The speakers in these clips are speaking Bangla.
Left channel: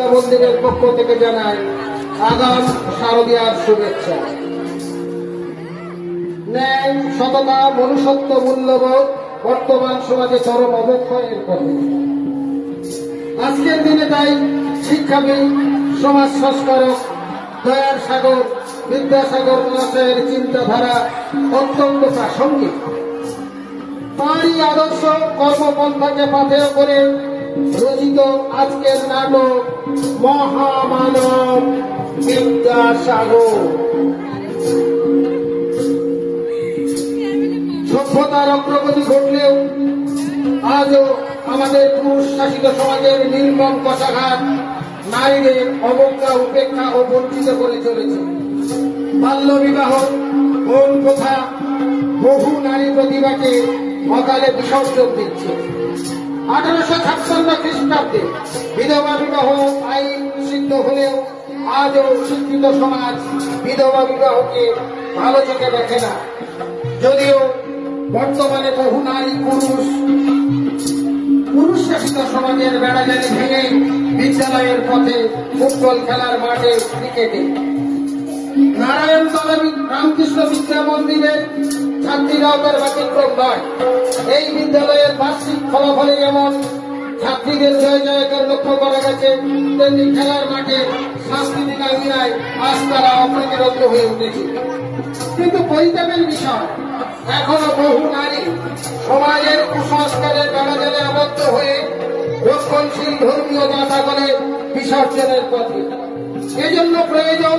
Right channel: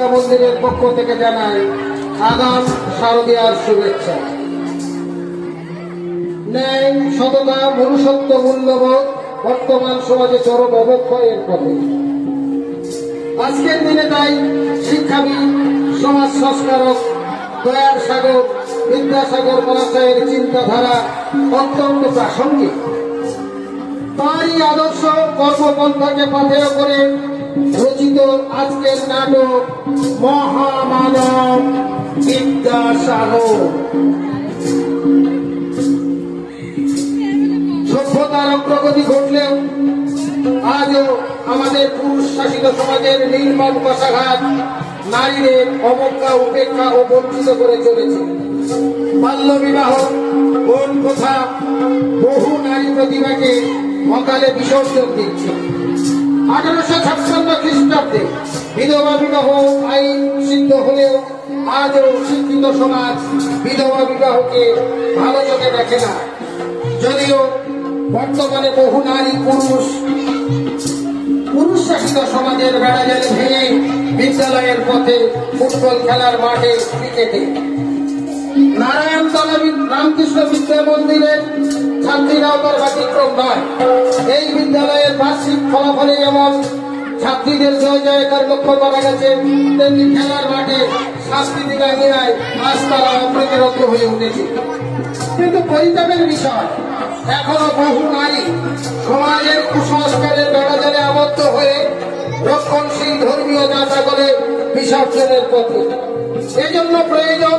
বিদ্যা মন্দিরের পক্ষ থেকে জানাই আগাম শারদীয়ার শুভেচ্ছা। ন্যায়, সততা, মনুষ্যত্ব, মূল্যবোধ বর্তমান সমাজে চরম অবক্ষয়ের পথে। আজকের দিনে তাই শিক্ষাবিদ, সমাজ সংস্কারক দয়ার সাগর বিদ্যাসাগর মহাশয়ের চিন্তাধারা অত্যন্ত প্রাসঙ্গিক। তাঁরই আদর্শ কর্মপন্থাকে পাথেয় করে রচিত আজকের নাটক মহামানব বিদ্যাসাগর। সভ্যতার অগ্রগতি ঘটলেও আজও আমাদের পুরুষ শাসিত সমাজের নির্মম কষাঘাত নারীদের অবজ্ঞা, উপেক্ষা ও বঞ্চিত করে চলেছে। বাল্য বিবাহ, কোন প্রথা বহু নারী প্রতিভাকে অকালে বিসর্জন দিচ্ছে। 1856 খ্রিস্টাব্দে বিধবা বিবাহ আইন সিদ্ধ হলেও আজও শিক্ষিত সমাজ বিধবা বিবাহকে ভালো চোখে দেখে না। যদিও বর্তমানে বহু নারী পুরুষ শাসিত সমাজের বেড়াজারি ভেঙে বিদ্যালয়ের পথে, ফুটবল খেলার মাঠে, ক্রিকেটে। নারায়ণতলা রামকৃষ্ণ বিদ্যা মন্দিরের ছাত্রীরাও তার ব্যতিক্রম নয়। এই বিদ্যালয়ের বার্ষিক ফলাফলে যেমন ছাত্রীদের জয় জয়কার লক্ষ্য করা গেছে, তেমনি খেলার মাঠে সাংস্কৃতিক আঙ্গিনায় আজ তারা অপ্রতিরোধ হয়ে উঠেছে। কিন্তু পরিতাপের বিষয়, এখনো বহু নারী সমাজের কুসংস্কারের বেড়াজালে আবদ্ধ হয়ে রক্ষণশীল ধর্মীয় জাতাগলে বিসর্জনের পথে। এজন্য প্রয়োজন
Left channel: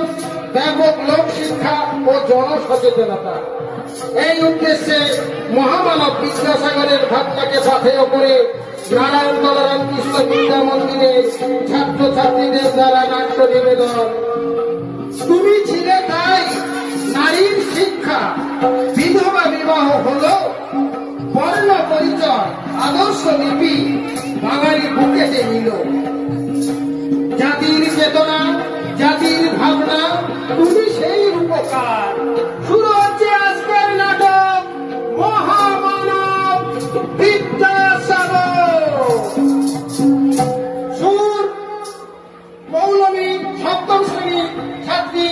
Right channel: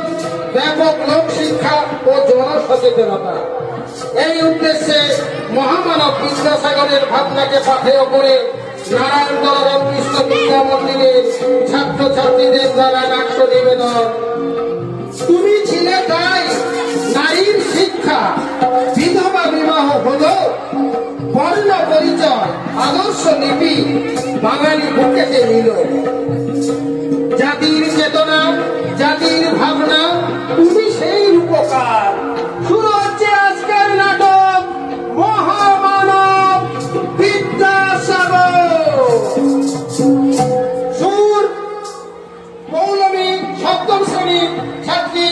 ব্যাপক লোক শিক্ষা ও জনসচেতনতা। এই উদ্দেশ্যে মহামানব বিদ্যাসাগরের ভাবনাকে পাথেয় করে নারায়ণতলা রামকৃষ্ণ বিদ্যা মন্দিরের ছাত্রছাত্রীদের দ্বারা নাট্য নিবেদন তুমি ছিলে তাই, নারীর শিক্ষা, বিধবা বিবাহ হল বর্ণ পরিচয়, আদর্শ লিপি বাঙালি বুকেতে নিল। জাতির চেতনা, জাতির ভাবনা, তুমি সেই উপকার। শুরু হচ্ছে আজকের নাটক মহামানব বিদ্যাসাগর। সুর মৌলভী সপ্তম শ্রেণীর ছাত্রী,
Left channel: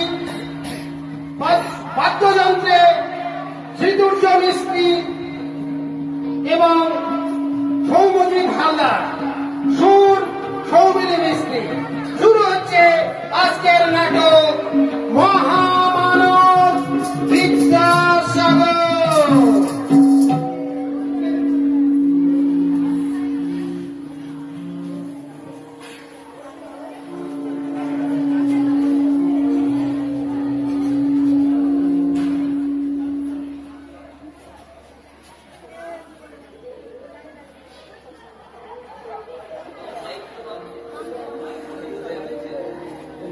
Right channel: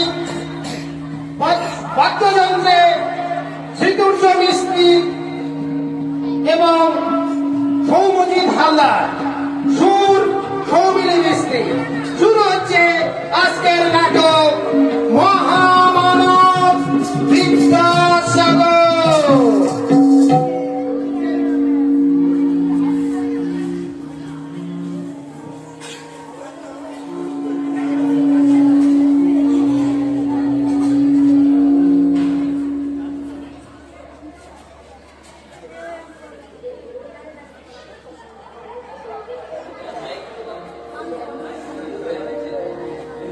বাদ্যযন্ত্রে শ্রীতুর্য মিস্ত্রি এবং সৌমজিৎ হালদার, সুর সৌমিনী মিস্ত্রি। শুরু হচ্ছে আজকের নাটক মহামানব বিদ্যাসাগর।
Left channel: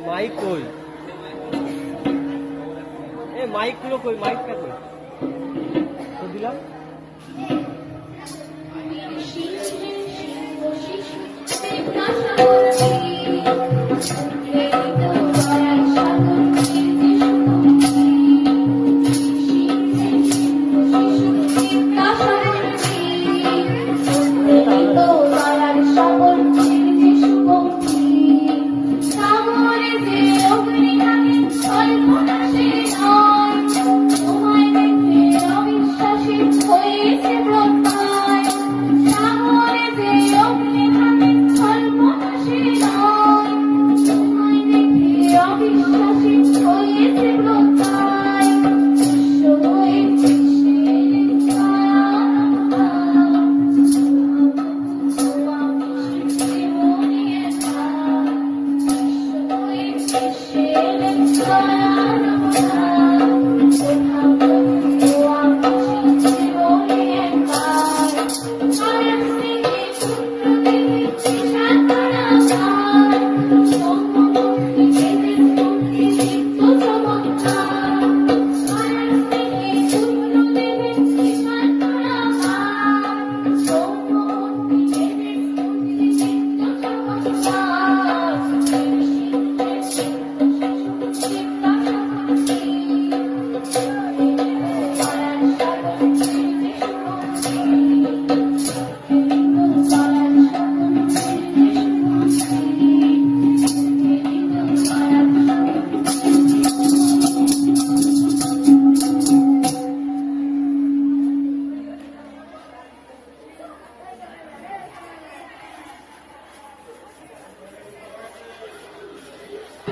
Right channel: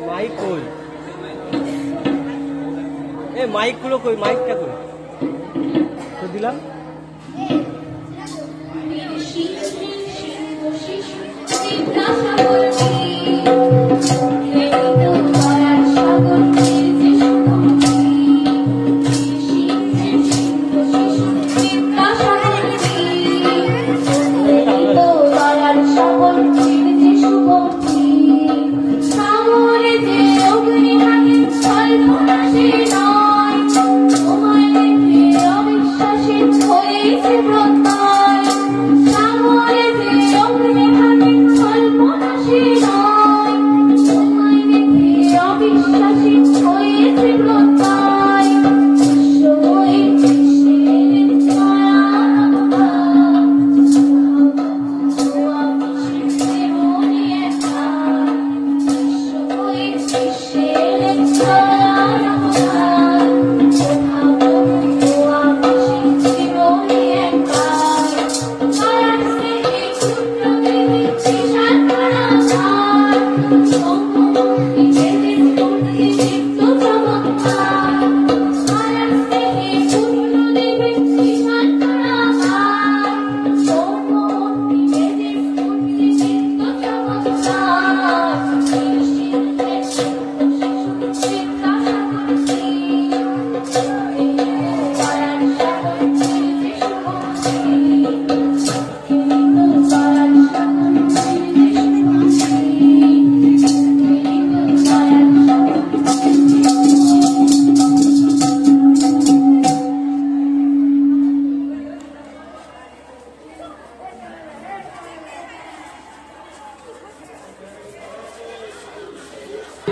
মাইক কই? এ মাইক গুলো কই? মাইকটা কই? তো দিলাম।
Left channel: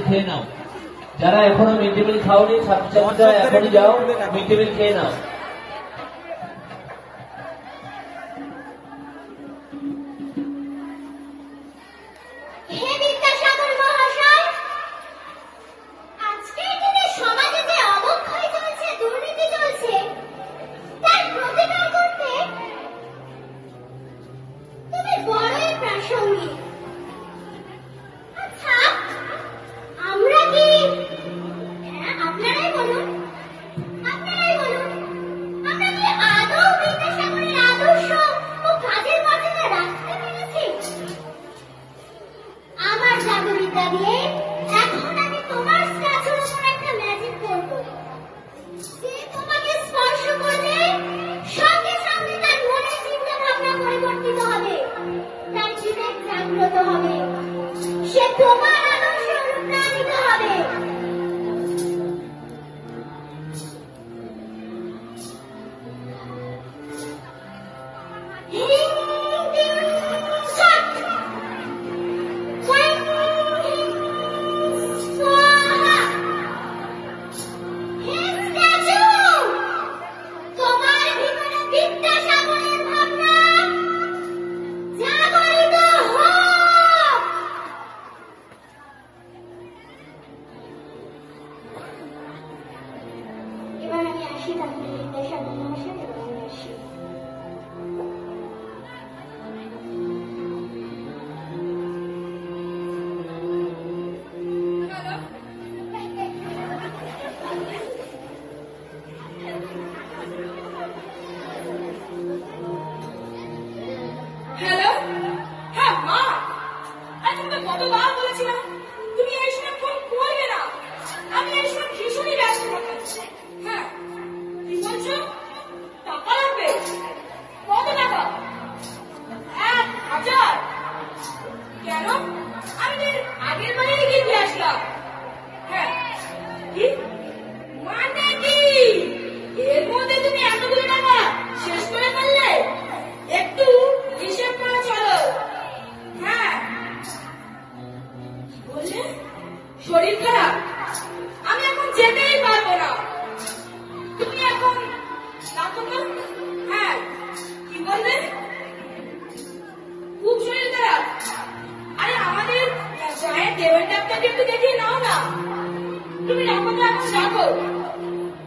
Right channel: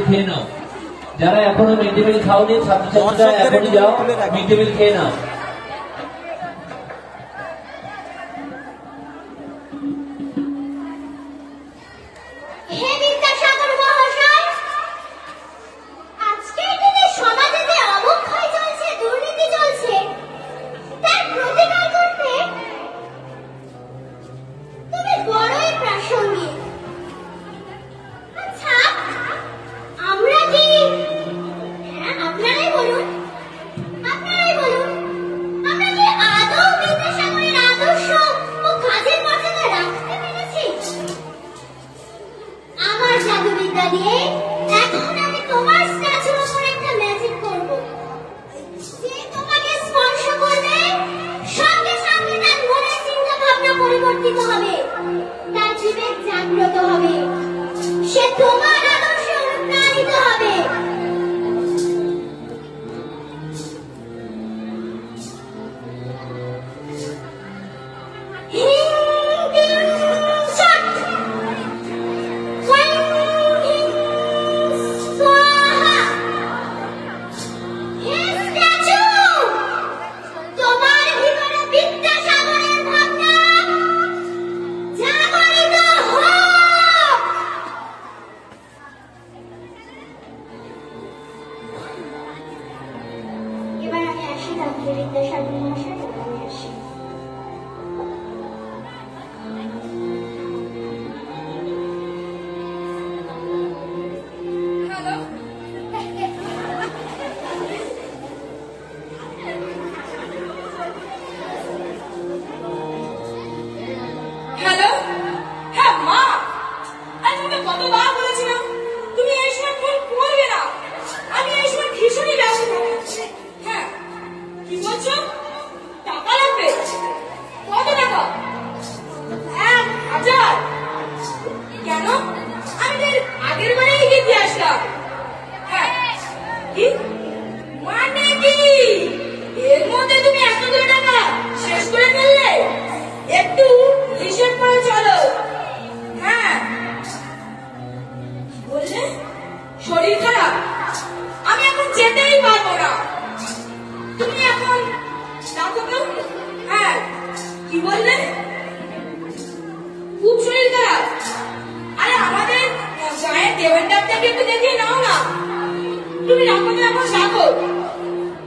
খেয়ে নাও। যারা এখনো মিড ডে মিল খাওনি ছাত্রছাত্রীরা এখনই যাও, মিড ডে মিল খেয়ে নাও। হে বিদ্যাসাগর মহাশয়, আজকের দিনে সমাজে যে অবক্ষয় চলছে, দুর্নীতি চলছে, তার প্রতিকার করতে তুমি বড়ই প্রাসঙ্গিক। আচ্ছা, আমরা কি, হ্যাঁ আপনারাই বলুন, আমরা কি আদৌ বিদ্যাসাগরের আদর্শ ও কাজের মর্যাদা রাখতে পেরেছি? আমার জাদুবিদ্যা দিয়ে এখন আমি তোমার স্ট্যাচুর উপর একটা ম্যাজিক করব, যে তোমাকে স্পর্শ করলে সঙ্গে সঙ্গে তার মনের চিন্তা ভাবনা পরিবর্তিত হবে, তার বিবেক জাগ্রত হবে, সে তোমার আদর্শে অনুপ্রাণিত হবে। এবার আমি আসি, ডাক্তার বিদ্যাসাগর মহাশয়, আমি আসি। হ্যালো, হ্যাঁ মা, আমি তোমাকে কতবার বলেছিলাম তুমি এই সময় ফোন করবে না, আমি এই সময় ভীষণই ব্যস্ত। হ্যাঁ, কি বলছো? টাকা লাগবে? কত টাকা? 1000? কেন? আমি তো আগের বারেই গিয়ে দিয়ে আসলাম। হ্যাঁ, কি মানে কি এর মধ্যে তুমি এতগুলো টাকা শেষ করে ফেললে? একটু হিসেব করে চলো। হ্যাঁ, বললে শরীর খারাপ, আমি এখন যেতেই পারবো না, তুমি এখন ডাকো তো। হ্যাঁ, কি বললে? খুব শরীর খারাপ? আরে আমাদের গায়ের দেবের ডাক্তারকে একটু দেখিয়ে নাও না। তুমি রাখো তো, এখন ডাকো।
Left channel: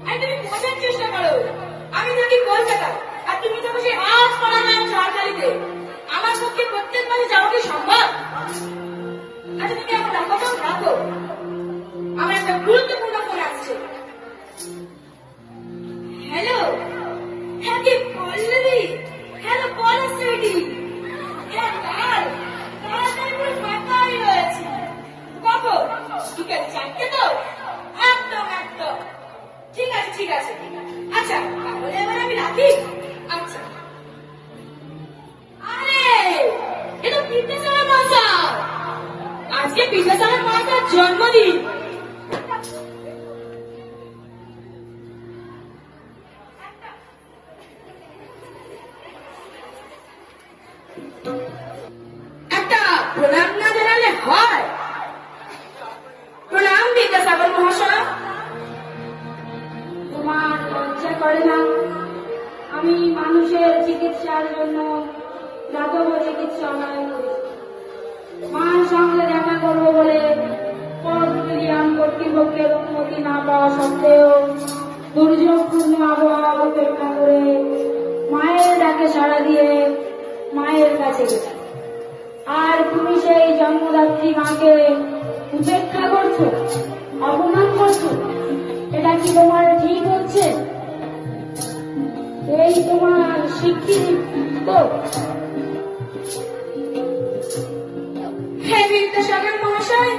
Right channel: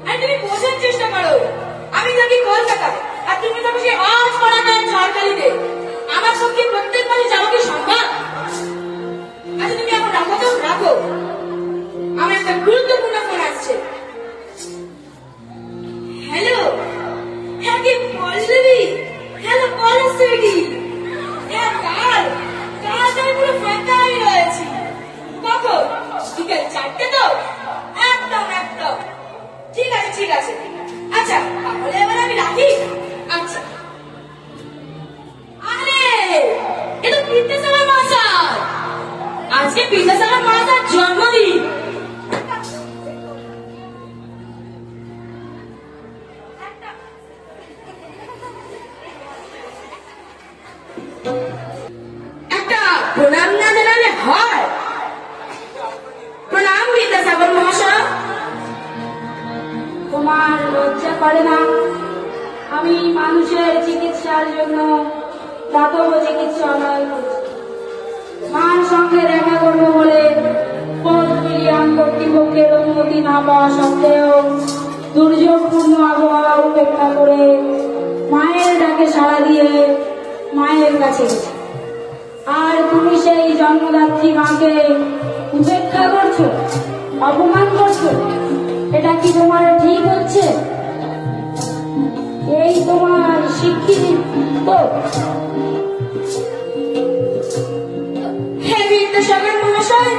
আর তুমি বোঝার চেষ্টা করো, আমি থাকি কলকাতা আর তুমি থাকো সেই আজ পাড়াতে ঝড়খালিতে। আমার পক্ষে প্রত্যেক মাসে যাওয়া কি সম্ভব? আচ্ছা তুমি এখন রাখো তো, রাখো, আমার একটা গুরুত্বপূর্ণ ফোন আসছে। হ্যালো, হ্যাঁ কি পল্লবী? হ্যালো পলাশ সুইটি, হ্যাঁ কাল আমি পুরো ফাঁকা হয়ে রয়েছি। কখন? বিকেল 4টে তো? একদম একদম ঠিক আছে, ঠিক আছে। আচ্ছা তাহলে এবার আমি রাখি। আচ্ছা, আরে এ তো বিদ্যাসাগর মহাশয়, আজকে বিদ্যাসাগর মহাশয়ের জন্মদিন। একটা প্রণাম না জানালে হয়? প্রণাম বিদ্যাসাগর মহাশয়। তোমার লজ্জা করে না? আমি মানুষের চিকিৎসার জন্য দাতব্য চিকিৎসালয় করছি। মার সঙ্গে দেখা করবো বলে ফোর্ট উইলিয়াম কর্তৃপক্ষের অনুমতি না পাওয়া সত্ত্বেও দুর্যোগপূর্ণ আবহাওয়া উপেক্ষা করে মায়ের ডাকে সাড়া দিয়ে মায়ের কাছে গেছি। আর তুমি সেই জন্মদাত্রী মাকে উপেক্ষা করছো, অপমান করছো, এটা কি তোমার ঠিক হচ্ছে? এই তোমার শিক্ষিত? হে বিদ্যাসাগর মহাশয়,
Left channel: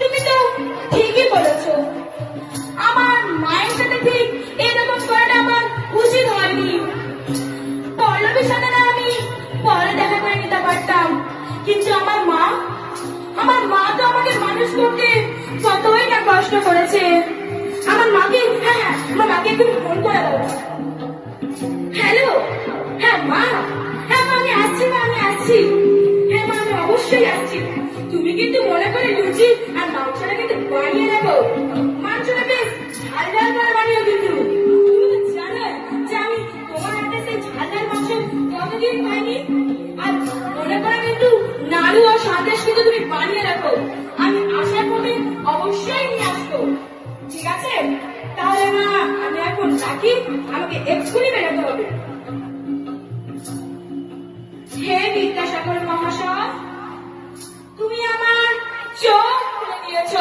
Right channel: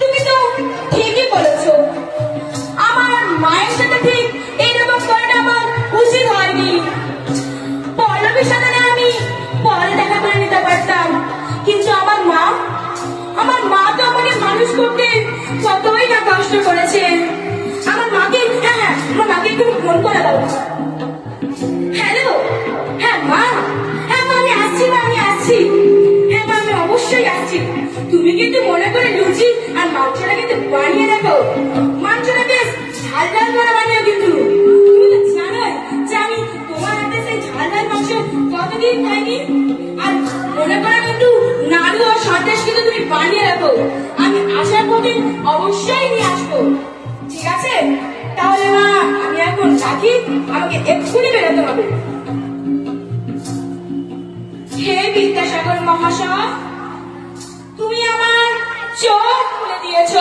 তুমি তো ঠিকই বলেছ। আমার মায়ের সাথে ঠিক এরকম করাটা আমার উচিত হয়নি। পল্লবীর সাথে আমি পরে দেখা করে নিতে পারতাম, কিন্তু আমার মা তো আমাকে মানুষ করতে কতই না কষ্ট করেছে। আমার মাকে, হ্যাঁ আমার মাকে একটু ফোন করে দাও। হ্যালো, হ্যাঁ মা, হ্যাঁ আমি আসছি, আমি আসছি। হ্যাঁ আমি অবশ্যই আসছি। তুমি কিন্তু মনে করে লুচি আর মাংসটাকে বানিয়ে দেখো। মাংসটা বেশ ঝাল ঝাল করে বানিয়ে কিন্তু তুমি তো জানোই যে আমি তোমার হাতে সেই ঝাল ঝাল মাংস কতদিন খাইনি। আর মনে করো একটু নাড়ু আর সন্দেশ কিন্তু তুমি বানিয়ে রাখো, আমি আসার পথে অবশ্যই নিয়ে আসবো। ঠিক আছে? তাহলে মা আমি এখন রাখি, আমাকে এক্ষুনি বেরোতে হবে। হে বিদ্যাসাগর মহাশয়, তুমি আমার চোখ খুলে দিয়েছ।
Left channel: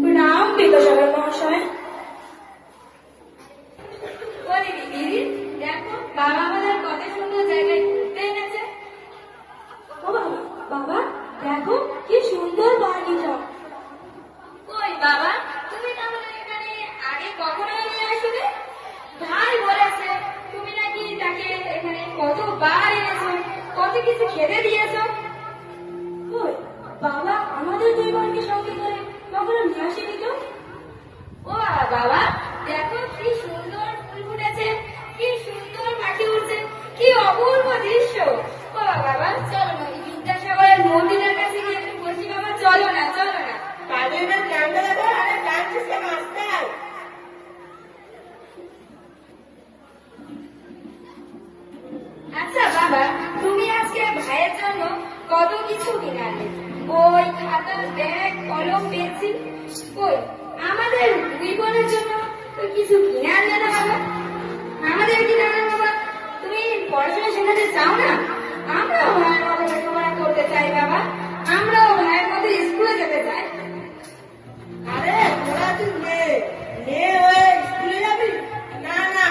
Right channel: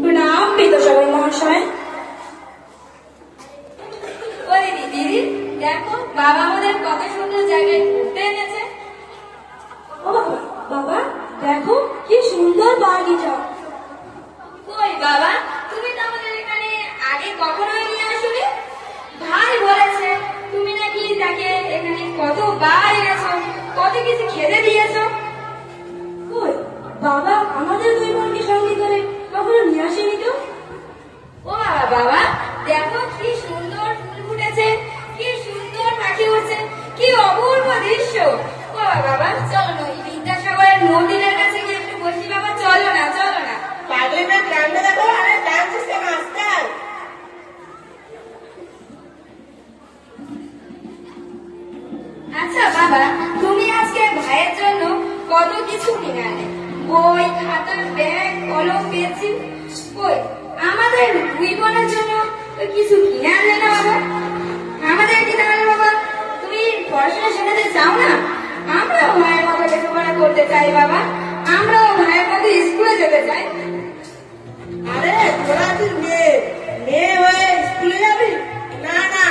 প্রণাম বিদ্যাসাগর মহাশয়। ওরে দিদি, দেখো বাবা আমাদের কত সুন্দর জায়গায় ঘুরতে এনেছে। ও বাবা, দেখো কি সুন্দর বাগিচা। কই বাবা, তুমি তো আমাদের এখানে আগে কখনো নিয়ে আসলে। ভাই বলেছে তুমি নাকি তাকে এখানে কতবার এনেছো, কত কিছু খেতে দিয়েছো। কই বাবা আমাদের দুই বোনকে সঙ্গে করে কখনো নিয়ে আসেনি তো। ও বাবা, দেখো কি সুন্দর ফুল ফুটেছে, কি সুন্দর পাখি উঠছে, কি অপূর্ব দৃশ্য। ও বাবা, চলো না বিদ্যাসাগরের মন্দিরের কাছে গিয়ে একটু বসি। বাবা চলো না, চলো না। পারলে না ক্যাম্পে দেখো, আরে ডান্স কেন আসতে। আচ্ছা বাবা, তুমি আজকে ভাইয়ের জন্য কত কিছু কিনে আনলে, বই, খাতা, ব্যাগ, কলম, পেন্সিল। কই আমাদের দুই বোনের জন্য তো কিছু কিনে আনলে না বাবা। আমাদের কিনে আনলে বাবা, তুমি পড়াশোনা শেখাতে চাও না? আমরাও ভাইয়ের মতো লেখাপড়া করতে চাই বাবা, আমরাও ভাইয়ের মতো স্কুলে যেতে চাই। আরে তোরা তুই মেয়ে হয়ে স্কুলে যাবি? না না,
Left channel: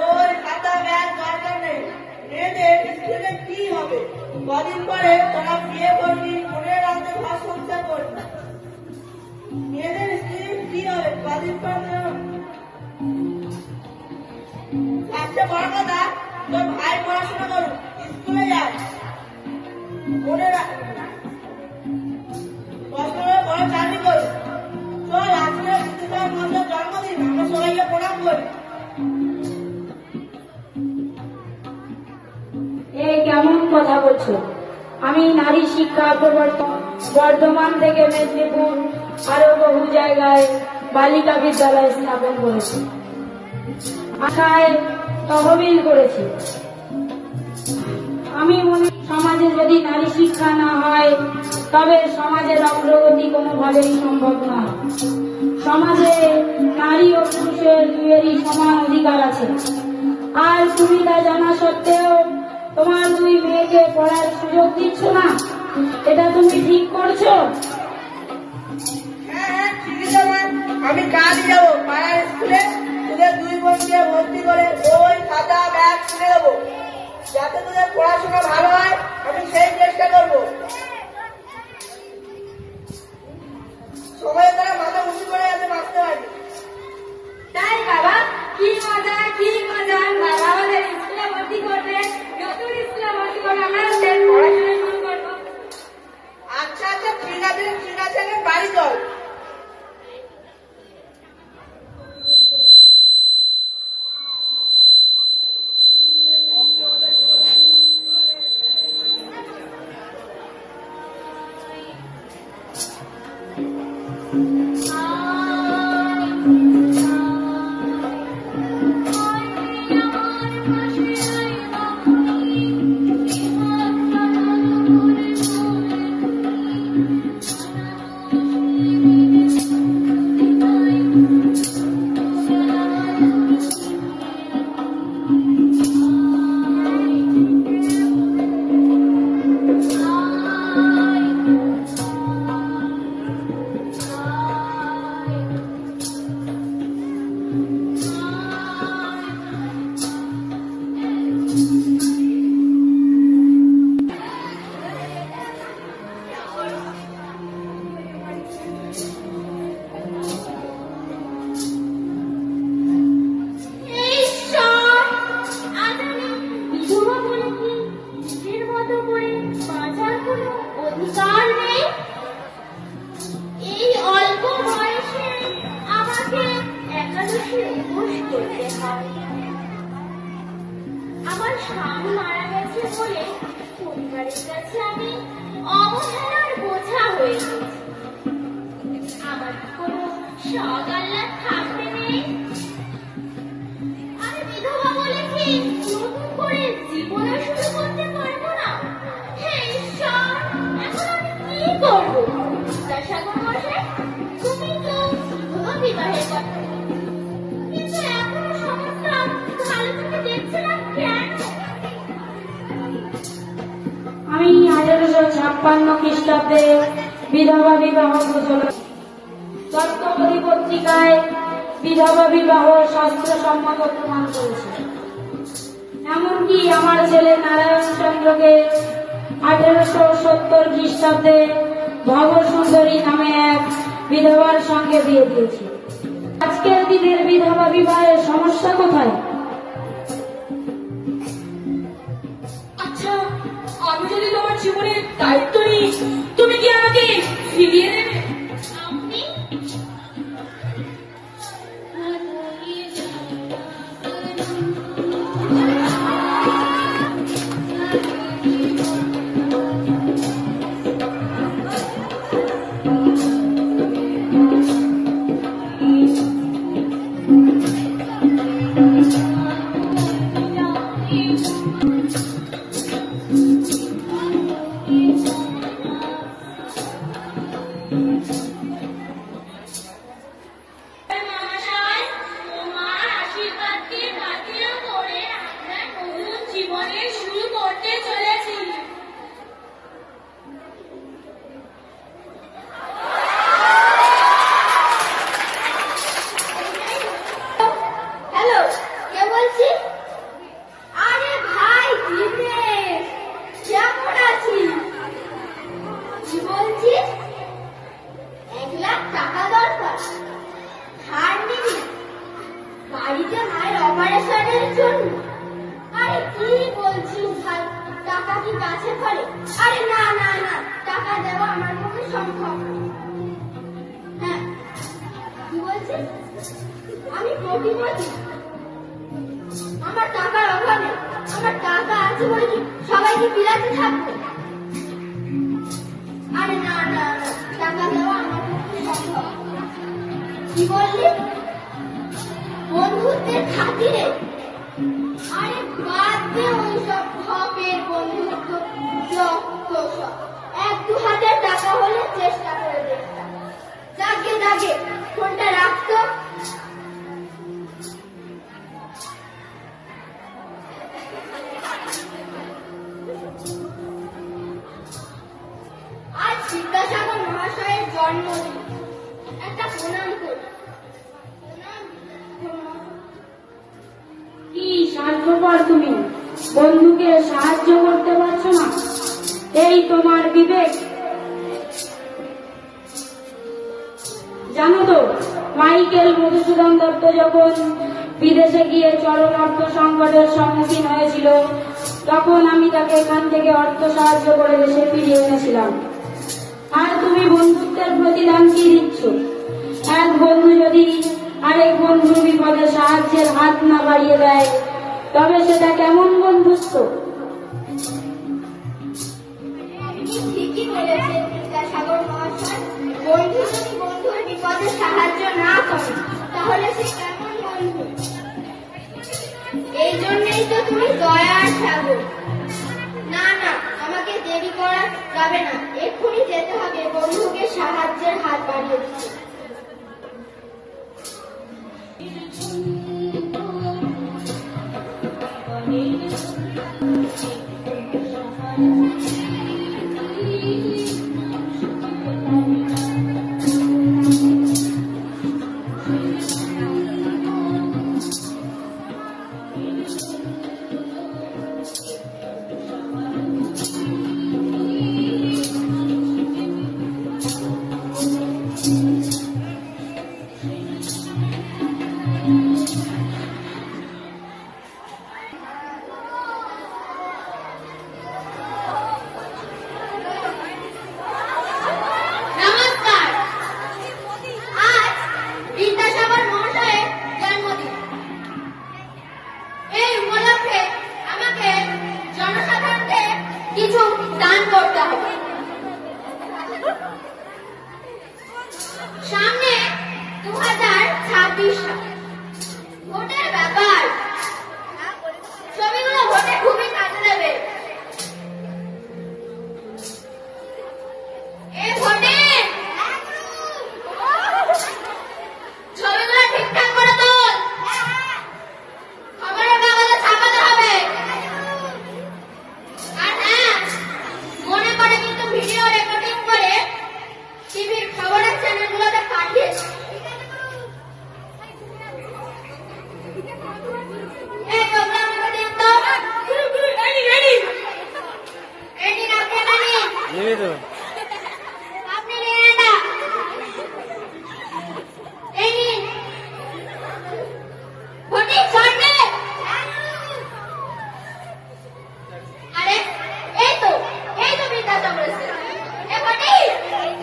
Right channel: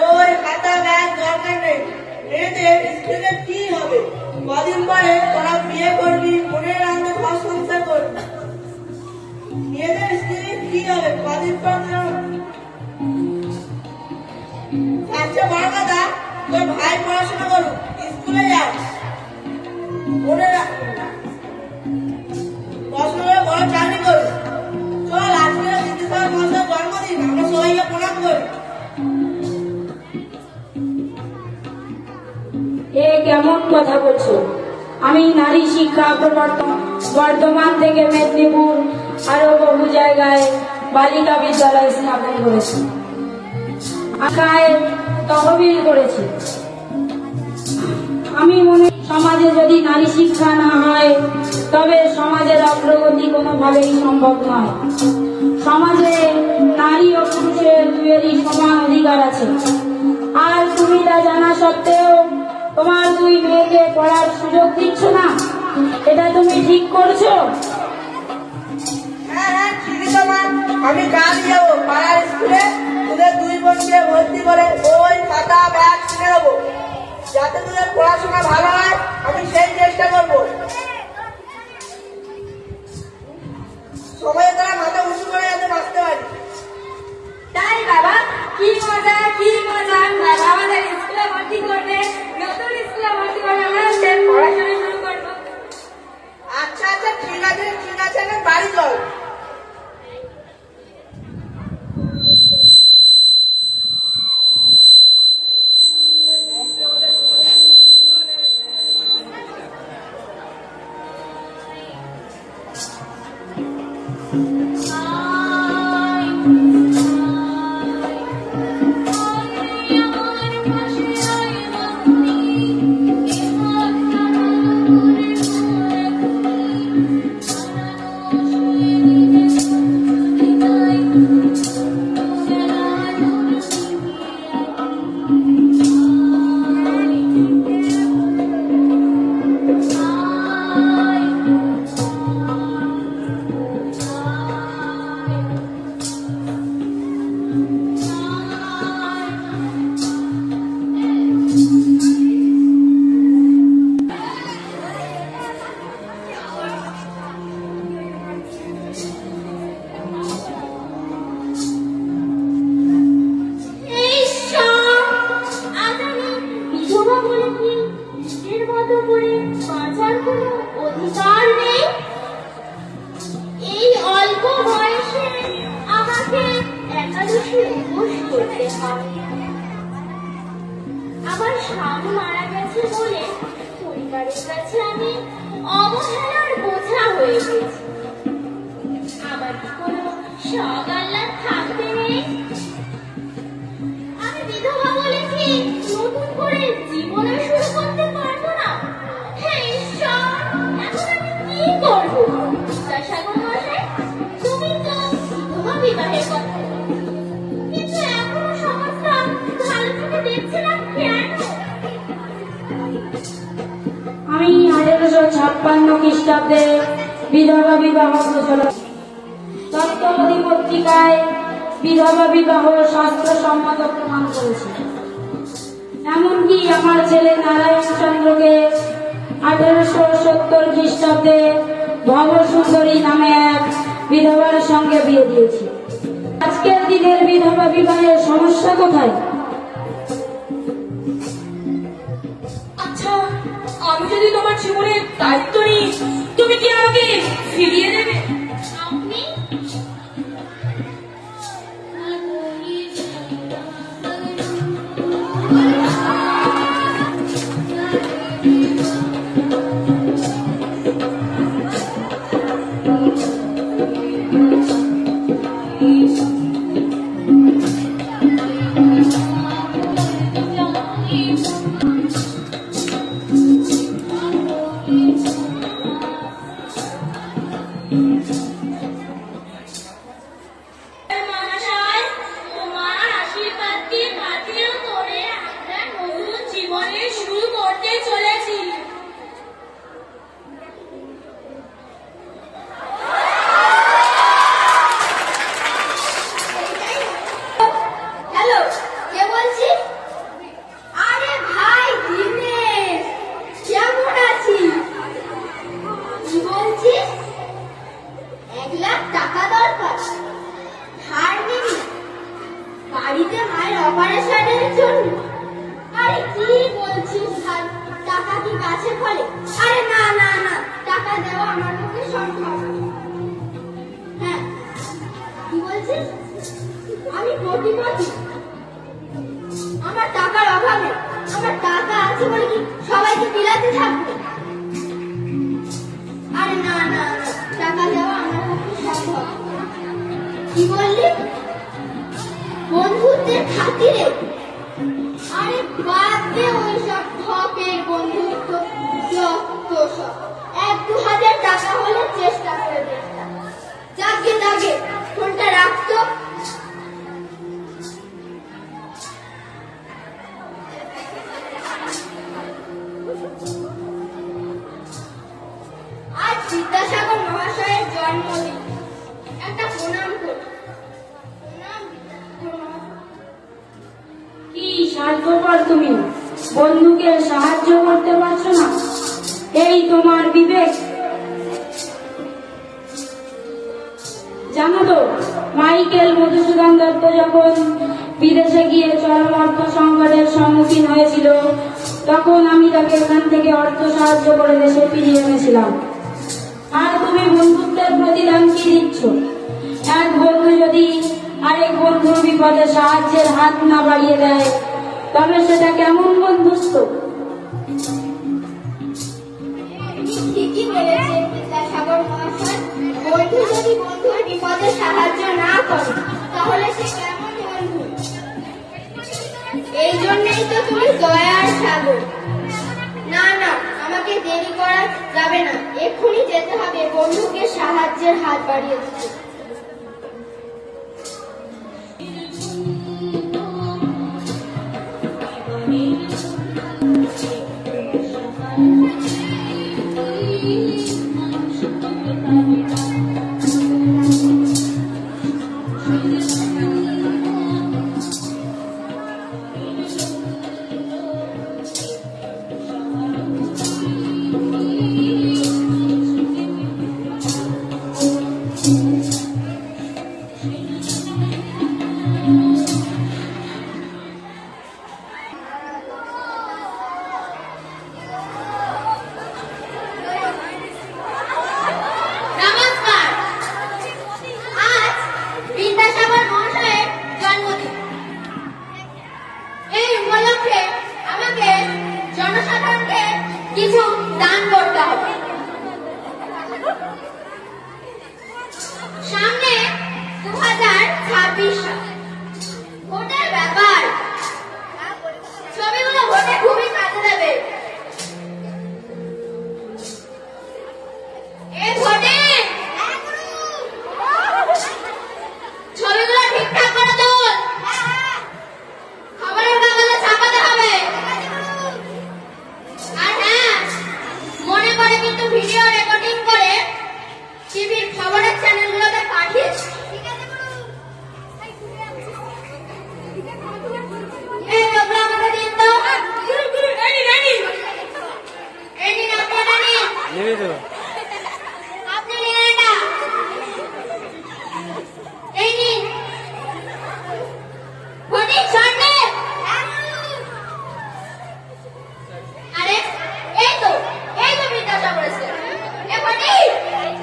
ওই খাতা ব্যাগ দরকার নেই। মেয়েদের স্কুলে কি হবে? কদিন পরে তোরা বিয়ে করবি, মনে রাখতে ঘর সংসার করবি। মেয়েদের স্কুলে কি হবে? কদিন পর আচ্ছা বড় কথা, তোর ভাই পড়াশোনা করুক, স্কুলে যাও, মনে রাখ পড়াশোনা করে বড় চাকরি করুক। চল আজকে বিদ্যাসাগর মহাশয়ের জন্মদিন, আমরা সবাইকে প্রণাম করি। এ কেমন কথা বলছো? আমি নারী শিক্ষা প্রবর্তন বর্ধমান থেকে মেদিনীপুর আরো বহু জায়গায় বালিকা বিদ্যালয় স্থাপন করেছি, আঁকায় তহবিল করেছি। আমি মনে সমাজে যদি নারী শিক্ষা না হয় তবে সমাজের অগ্রগতি কোনোভাবেই সম্ভব নয়। সমাজে নারী ও পুরুষের দুয়েরই সমান অধিকার আছে। আর তুমি তা জানা সত্ত্বেও তোমার দুই মেয়েকে পড়ার সুযোগ দিচ্ছ না, এটা তুমি ঠিক করছো? হ্যাঁ হ্যাঁ ঠিকই তো মা, আমি কাল যাবো পাড়ার স্কুলে, তোদের দুই বোনকে ভর্তি করে বই খাতা ব্যাগ কিনে দেবো, যাতে তোদের পড়াশোনা ভালো হয়। আমি সেই চেষ্টা করবো। সবাই তারা মাথা উঁচু করে যাতে বাঁচতে পারি। তাই বাবা, কি মজা কি মজা। বাবা আমাদের স্কুলে ভর্তি করবে, নতুন স্কুলে ভর্তি করবে, আমরা পড়াশোনা শুরু করবো। আচ্ছা আচ্ছা ঠিক আছে ঠিক আছে, আমি বাড়ি চল। একাদশীর উপোস করতে হয়। আমার স্বামী মারা গেছে বলে পরিবারের কাছে আমি অবহেলার বোঝা হয়ে গেছি। আমার কোনো শখ আহ্লাদ থাকতে নেই। আমি বিধবা বলে কি নতুন করে জীবনে শুরু করতে পারবো না? হে ঈশ্বর, এখন আমি কি করবো? বিদ্যাসাগর মশাই, তুমি তো বিধবা বিবাহের কথা বলে, কিন্তু এখনো সমাজটা ভালো চোখে দেখছে না কেন? আমি 1856 খ্রিস্টাব্দে বিধবা বিবাহ ঘোষণা দত্তপদী পত্রিকায় বিধবা বিবাহ শাস্ত্রসম্মত প্রমাণ করেছে। এমনকি আমার ছেলে নারায়ণ চন্দ্রকে 1870 খ্রিস্টাব্দে ভবসুন্দরী নামে এক বিধবার সঙ্গে বিয়ে দিয়েছে। আজকের দিনের বিধবা বিবাহের সমস্যা কোথায়? আচ্ছা, আমি যদি তোমার জীবনের দায়িত্ব নিই, তুমি কি আমাকে ফিরিয়ে দেবে? আপনি মহাশয়, তোমার আশীর্বাদকে বাতিল করে আমরা নতুন জীবনে শুরু করতে চলেছি। হ্যালো, কে বলছিস? আরে ভাই দিনেশ, কেমন আছিস? কি বলছিস? 1 লাখ টাকা দরকার? ধার নিবি? বাড়িতে মায়ের অপারেশনের জন্য? আরে কি বলছিস ভাই, টাকা কি গাছে ফলে? আরে না না না, টাকা দেওয়া আমার পক্ষে সম্ভব না। হ্যাঁ, কি বলছিস? আমি কোটিপতি? আমার টাকার অভাবে, আমার টাকা আছে বলে কি সবাইকে বিলাতে থাকবে? আরে না না না, টাকা দেওয়া আমার পক্ষে সম্ভব না। কি বললি? বন্ধুত্বের খাতিরে? আরে বাদ দে ওইসব ঠকের বন্ধুত্ব, যত সব। 1-2 হাজার টাকা হলে চেষ্টা করে দেখতাম। যাকে যাকে ফোনটা রাখতো। আজ বিদ্যাসাগর মহাশয়ের জন্মদিন, একটা প্রণাম করি। প্রণাম কি স্বার্থপর তুমি, বন্ধুকে সাহায্য করতে পারছো না? এই তোমার বিবেক? জানো তো, মাইকেল মধুসূদন দত্ত যখন বিদেশে গিয়ে চরম অর্থ সংকটের সম্মুখীন হয়েছিল, তখন আমি তাকে এখান থেকে অর্থ সাহায্য করে দেশে ফিরিয়ে এনেছিলাম। আর তুমি বন্ধুত্বের প্রতিদান কি দিচ্ছ? এক বন্ধু যদি আরেক বন্ধুর বিপদে সাহায্যের হাত না বাড়িয়ে দেয়, তবে সেটা কেমন বন্ধুত্ব? ঠিকই বলেছেন বিদ্যাসাগর মহাশয়। বন্ধু যদি বন্ধুর বিপদে সাহায্য না করে, তাহলে সে কেমন বন্ধু? এই জন্যই তো তুমি দয়ার সাগর। না না, আমাকে দেরি করা যাবে না, এক্ষুনি যেতে হবে বন্ধুকে সাহায্যের হাত বাড়িয়ে দিতে। 2026 সাল ভোটের ব্যাপার, ছবিগুলো ভোটে খুবই কাজে দেবে। ভোটে ছবিগুলো ঠিকঠাক করে তোল, খবরের কাগজে ছাপাতে হবে। আর হ্যাঁ, মনে করে কিন্তু ভিডিও রেকর্ডিং করে টিভির খবরের চ্যানেলগুলোতে পাঠিয়েছ।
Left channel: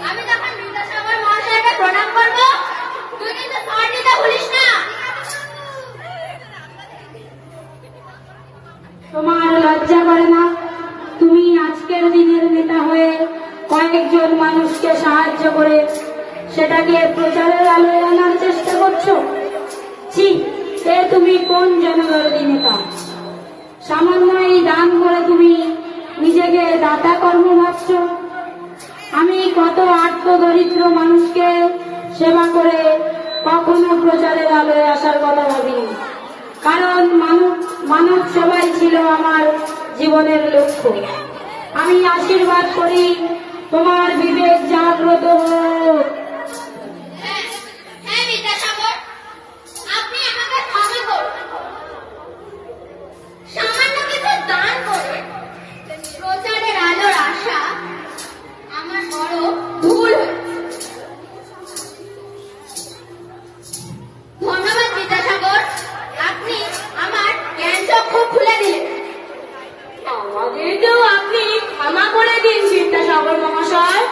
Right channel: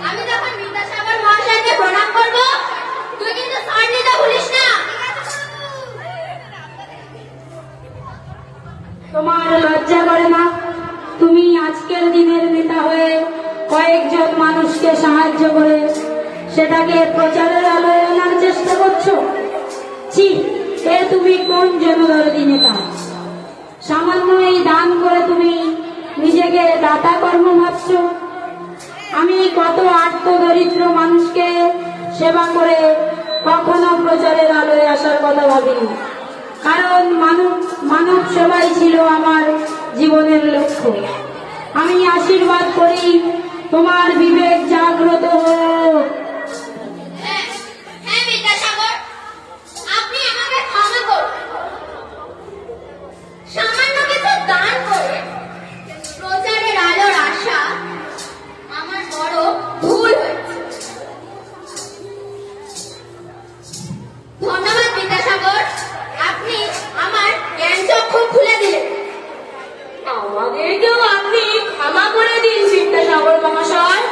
আমি যখন বিদ্যাসাগর মহাশয়কে প্রণাম করবো, তুই কিন্তু সার নিতে ভুলিস না। তোমার লজ্জা করে না? তুমি আজকের দিনের নেতা হয়ে কয়েকজন মানুষকে সাহায্য করে সেটাকে প্রচারের আলোয় আনার চেষ্টা করছো? ছি, এ তুমি কোন জনদরদী নেতা? সামান্য এই দান করে তুমি নিজেকে দাতা কর্ম ভাবছ? আমি কত আর্তদরিদ্র মানুষকে সেবা করে কখনো প্রচারের আলোয় আসার কথা ভাবিনি, কারণ মানব সেবাই ছিল আমার জীবনের লক্ষ্য। আমি আশীর্বাদ করি তোমার বিবেক জাগ্রত হোক। হ্যাঁ বিদ্যাসাগর, আপনি আমাকে ক্ষমা করুন। সামান্য কিছু দান করে প্রচারের আলোর আশা আমার বড় ভুল হয়েছে। ধন্যবাদ বিদ্যাসাগর, আপনি আমার জ্ঞান চক্ষু খুলে দিলেন। আমাদেরকেও আপনি ক্ষমা করে দিন বিদ্যাসাগর মহাশয়।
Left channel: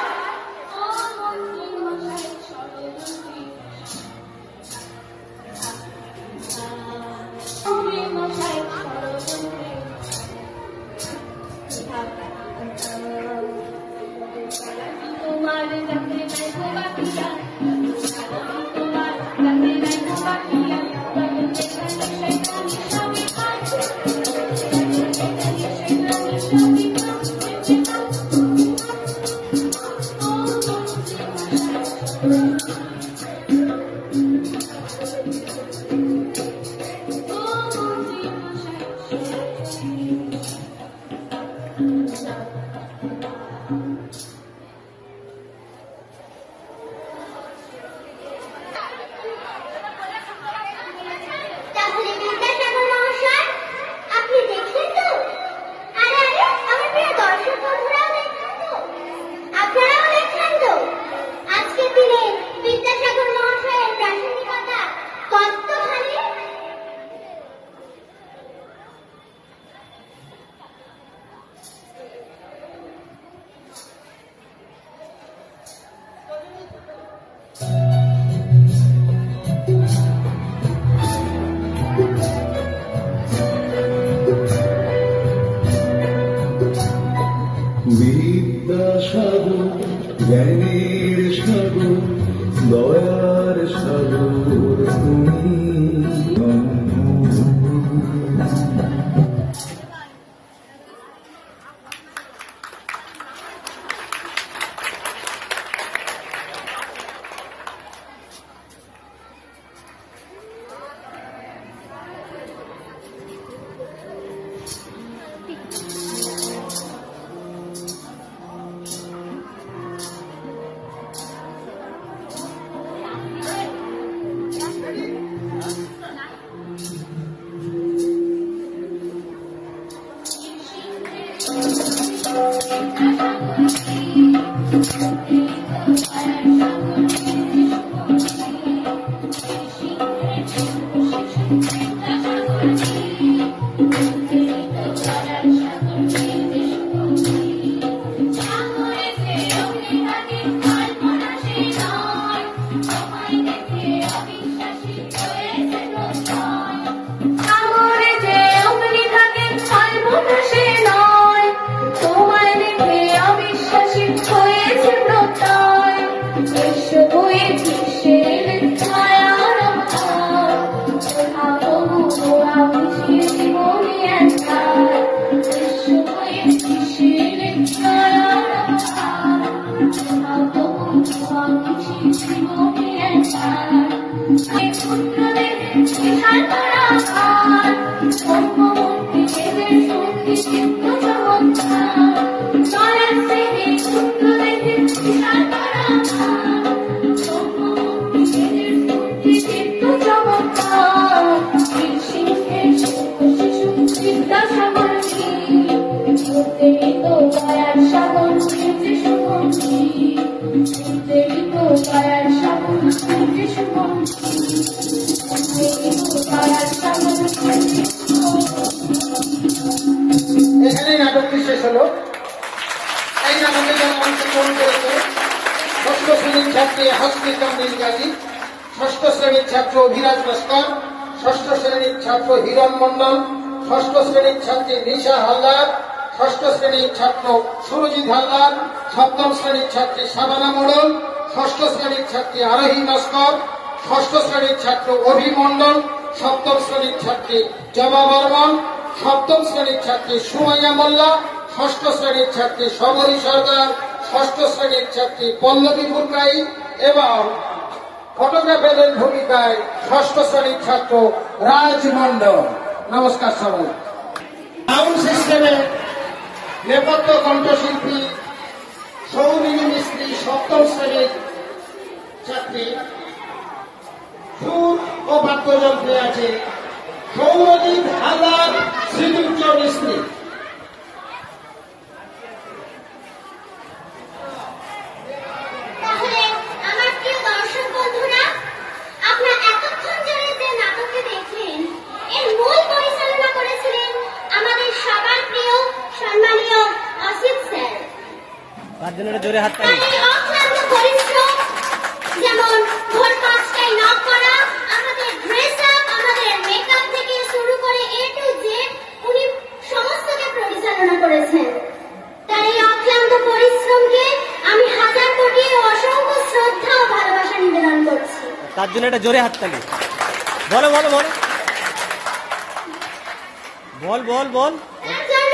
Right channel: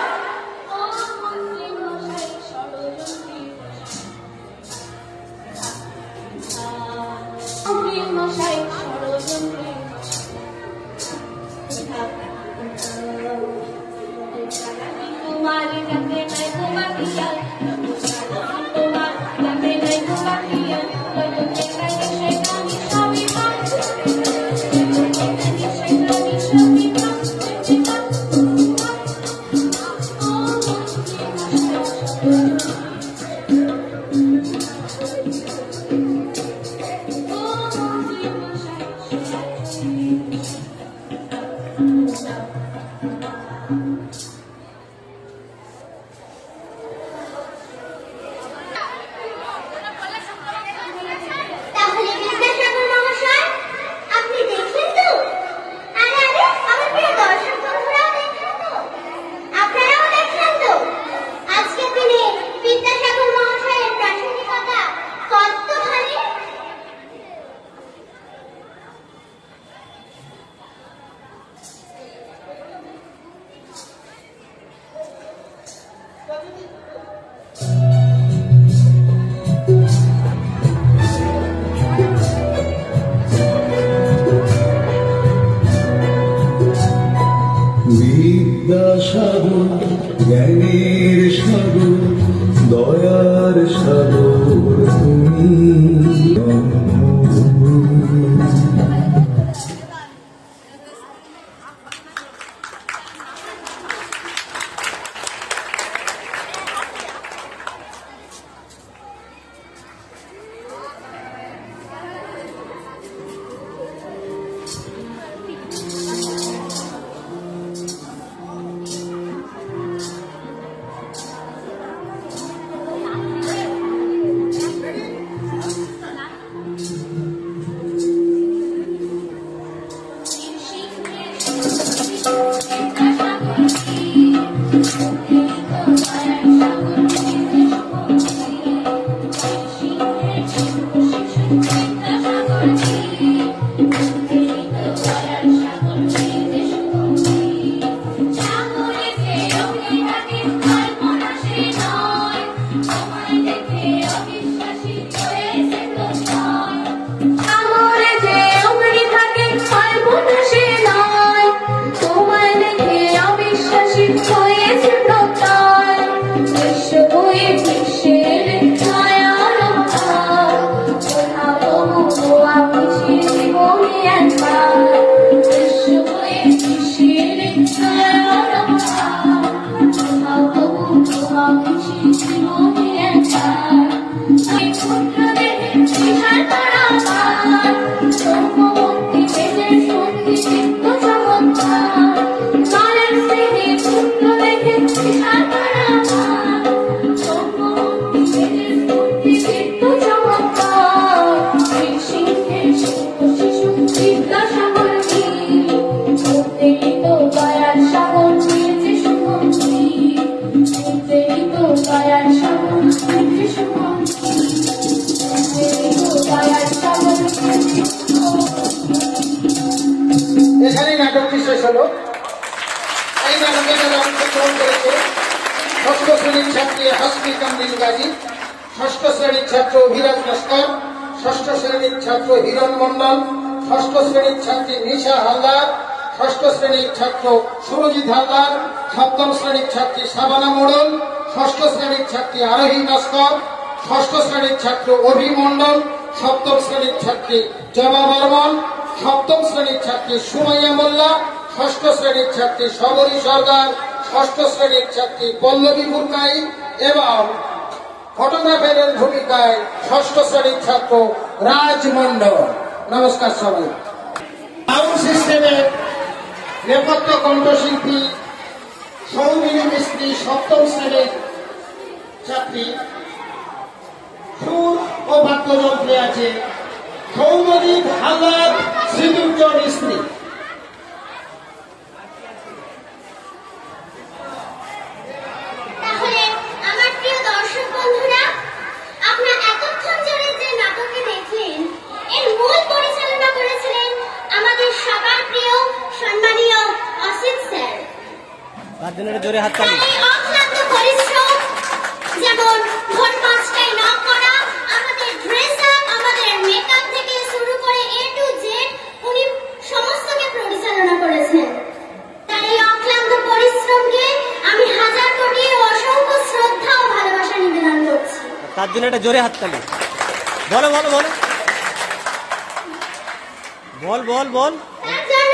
তাহলে বিদ্যাসাগর মহাশয়, আপনি দেখলেন তো? আর আগে আমার প্রিয় দর্শক বন্ধুরাও দেখলেন তো? আপনারাও দেখলেন তো? আজকের দিনে বিদ্যাসাগর মহাশয়ের প্রাসঙ্গিকতা কতখানি। বিদ্যাসাগর জ্ঞানের সাগর, দয়ার সাগর তুমি। হয়েছে প্রত্যয়, এসে বয়ে বিশ্বের এখানেই নাটকটি শেষ হলো। এই নাটকে যারা অংশগ্রহণ করেছে ষষ্ঠ শ্রেণীর ছাত্রী হসপিটাল নীলগাজী, ষষ্ঠ শ্রেণীর ছাত্র অভিরাজ লস্কর, ষষ্ঠ শ্রেণীর ছাত্র হিরণ মন্ডল, ষষ্ঠ শ্রেণীর ছাত্রী নিশা হালদার, ষষ্ঠ শ্রেণীর ছাত্র সুরজিৎ হালদার, সপ্তম শ্রেণীর ছাত্রী সাবানা মোড়ল, ষষ্ঠ শ্রেণীর ছাত্রী আরোহী নস্কর, ষষ্ঠ শ্রেণীর ছাত্র অভি মন্ডল, সপ্তম শ্রেণীর ছাত্রী জমা বর্মন, সপ্তম শ্রেণীর ছাত্রী সুমাইয়া মোল্লা, ষষ্ঠ শ্রেণীর ছাত্রী সবরী সরকার, ষষ্ঠ শ্রেণীর ছাত্রী পল্লবী বুরকাই এবং ফটোগ্রাফারের ভূমিকায় ষষ্ঠ শ্রেণীর ছাত্র রাজ মন্ডল। নমস্কার সবাই। সাউন্ড সিস্টেমে নেপথ্য কণ্ঠশিল্পী সৌমিনী মিস্ত্রি, সপ্তম শ্রেণীর ছাত্রী। সুর ও বাদ্যযন্ত্রে আছে সৌমজিৎ হালদার, শ্রীদুর্য মিস্ত্রি। তাহলে আমার প্রিয় দর্শক বন্ধুরা, আপনারা এতক্ষণ ধরে যে নাটকটি দেখলেন এর মূল পরিচালনা করেছিলেন আমাদের সবার প্রিয় সম্মানীয় অসিত স্যার। তার জন্য একটা জোরে হাততালি। তার এই অক্লান্ত পরিশ্রম, যেমন ভোর 5টায় নক করা, আমাদের ড্রেস আপ, আমাদের মেকআপ থেকে শুরু করে A to Z উনি সমস্তকে পরিচালনা করেছেন। তার এই অক্লান্ত পরিশ্রমকে আমি হাজার কোটি অসংখ্য শ্রদ্ধা ও ভালোবাসা নিবেদন করছি। তার জন্য একটা জোরে হাততালি। বলো বলো বলো, বল বল বল। একজন